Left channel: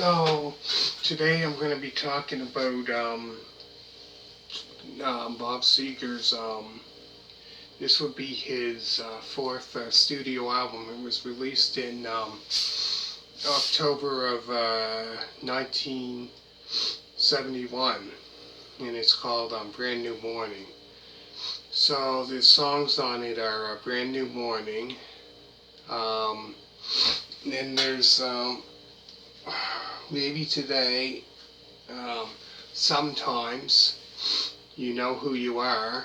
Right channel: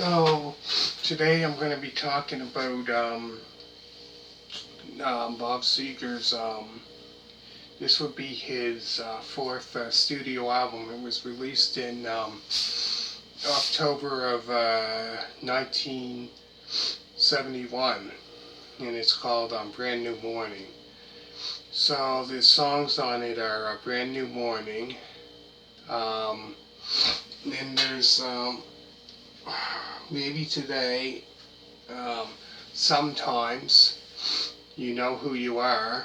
So today I'm going to be talking about Bob Seger's. This would be his fourth studio album. It was released in October of 1971, and it's called Brand New Morning. So the songs on it are Brand New Morning. Then there's Maybe Today, Sometimes, You Know Who You Are,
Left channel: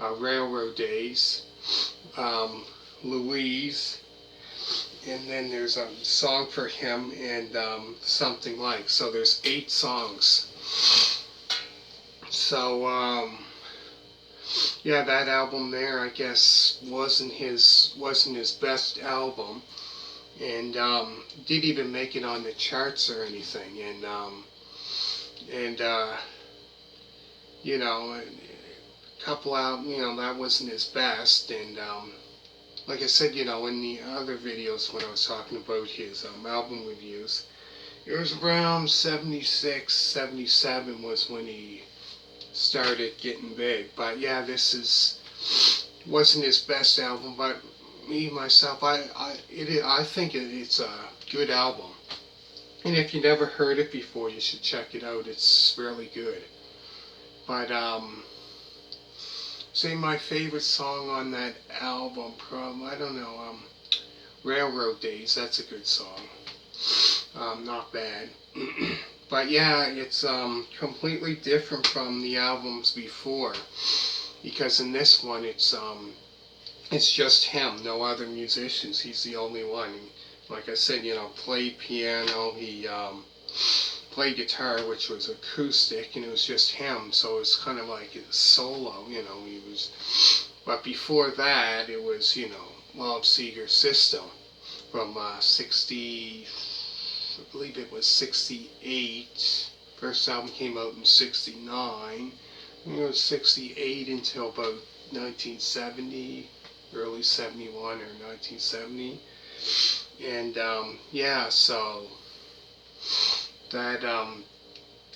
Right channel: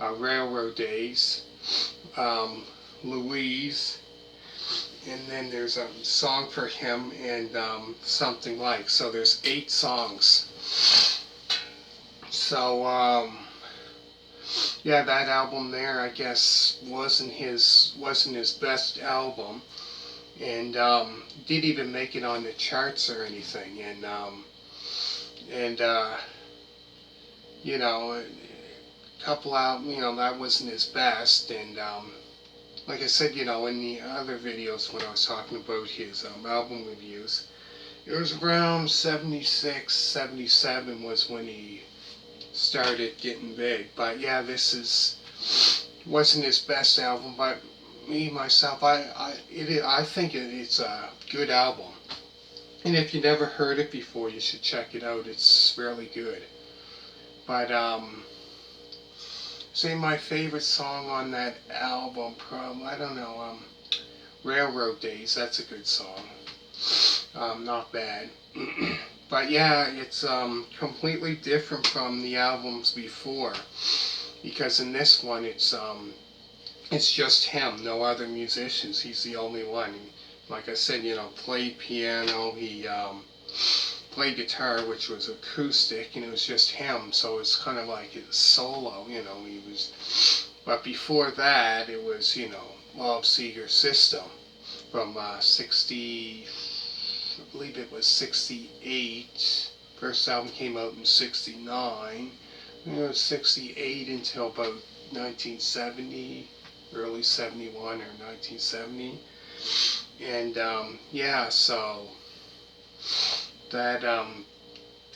Railroad Days, Louise, and then there's a song for him and Something Like. So there's 8 songs. So yeah, that album there, I guess, wasn't his best album, and didn't even make it on the charts or anything. And you know, a couple out, that wasn't his best. And like I said, in the other videos when I was talking about his album reviews, it was around 76, 77 was when he started getting big. But yeah, wasn't his best album, but myself, I think it's a good album. And if you never heard it before, you should check it out. It's really good. But say my favorite song on that album, I don't know, Railroad Days. That's a good song. Not bad. But yeah, it's completely different from the albums before, because in this one it's just him, no other musicians. He's the only one. Like I said, played piano. He played guitar, which was acoustic, and it was just him. So it's kind of like his solo. He was. But before that, it was Bob Seger's System from 60. I believe it was 68. First album came out in 69. I think it was 68 until about 1970, early 71 or 1970. And yeah, so that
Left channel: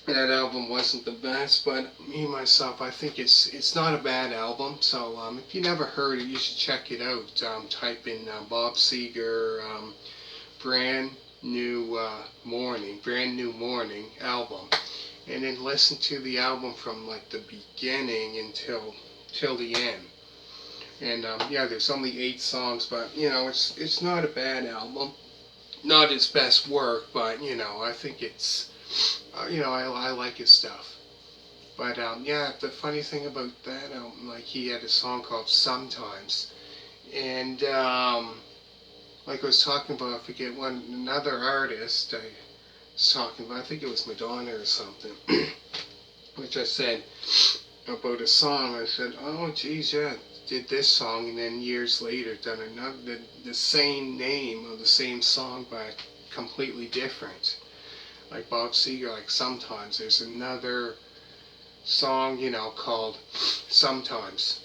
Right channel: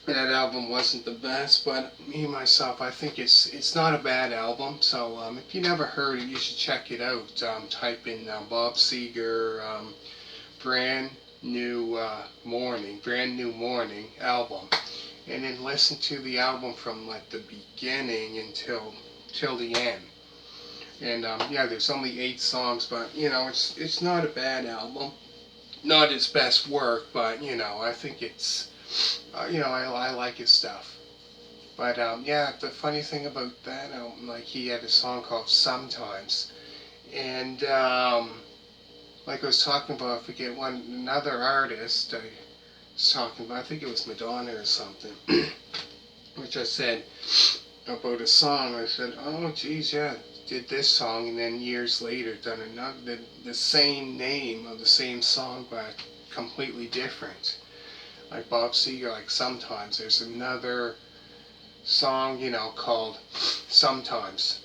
album wasn't the best, but myself, I think it's not a bad album. So if you never heard it, you should check it out. Type in Bob Seger Brand New Morning album, and then listen to the album from like the beginning until the end. And yeah, there's only 8 songs, but it's not a bad album. Not his best work, but I think it's I like his stuff. But yeah, the funny thing about that album, like, he had a song called Sometimes, and like I was talking about, I forget another artist I was talking about. I think it was Madonna or something, which I said about a song. I said, oh geez, yeah, did this song, and then years later done another, the same name of the same song, but completely different. Like Bob Seger, like Sometimes. There's another song, called Sometimes,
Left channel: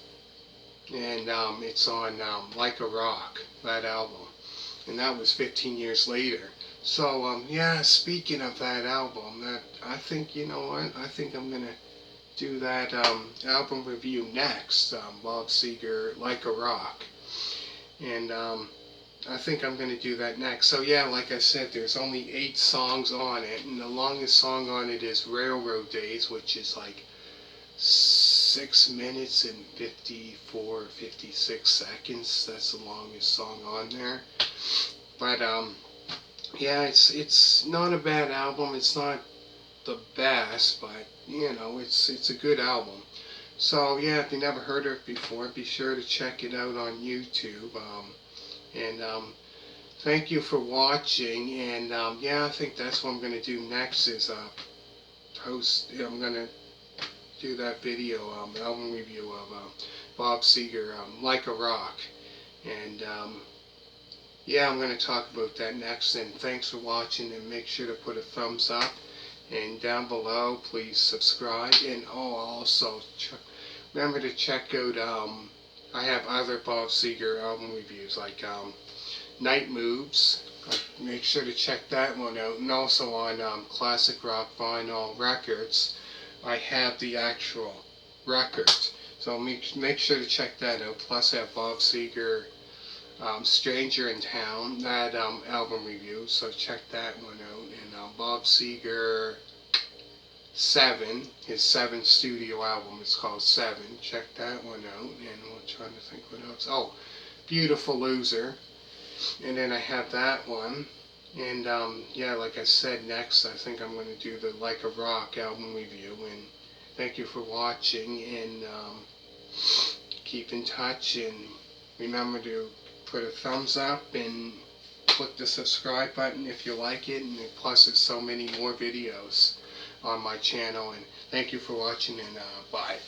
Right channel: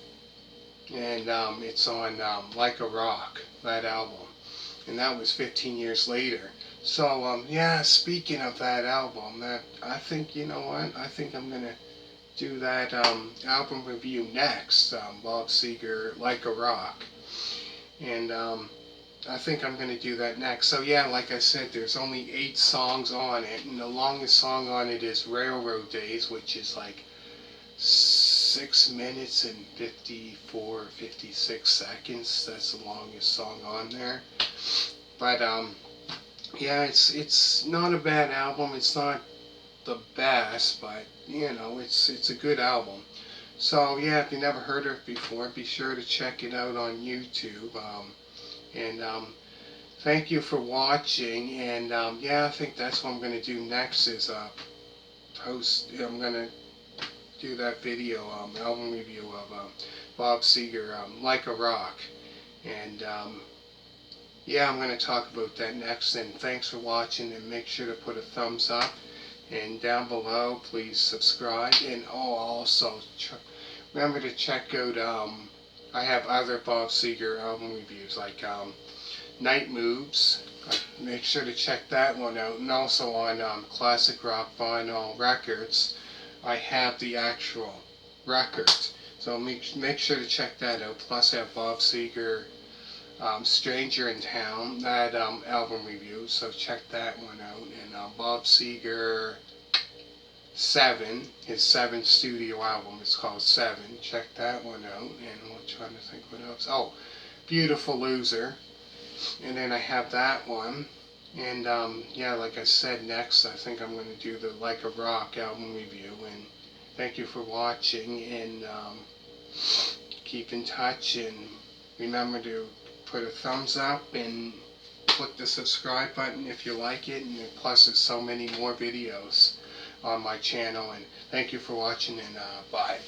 and it's on Like a Rock, that album, and that was 15 years later. So yeah, speaking of that album, that I think, I think I'm gonna do that album review next. Bob Seger, Like a Rock, and I think I'm going to do that next. So yeah, like I said, there's only 8 songs on it, and the longest song on it is Railroad Days, which is like 6 minutes and 54, 56 seconds. That's the longest song on there. But yeah, it's not a bad album. It's not the best, but it's a good album. So yeah, if you never heard of it before, be sure to check it out on YouTube. And thank you for watching. And yeah, I think that's what I'm going to do next is I'm going to do that video, album review of Bob Seger, Like a Rock. And yeah, I'm going to talk about that next. And thanks for watching, and make sure to put a thumbs up. And down below, please subscribe. And also remember to check out, I have other Bob Seger album reviews, like Night Moves, Make sure to check that one out. And also on Classic Rock Vinyl Records, I have the actual record. So make sure to check that out. Plus I have Bob Seger, Stranger in Town, that album review. So check that one out. And Bob Seger 7, his 7th studio album is called 7. Check that one out. And I'm trying to think what else. Oh, Beautiful Loser. And then I have that one. And yeah, like I said, next I think I'm going to do the Like a Rock album review. And thank you for watching. And keep in touch. And remember to put a thumbs up and click the subscribe button if you like it. And plus, there's so many more videos on my channel. And thank you for watching. And bye.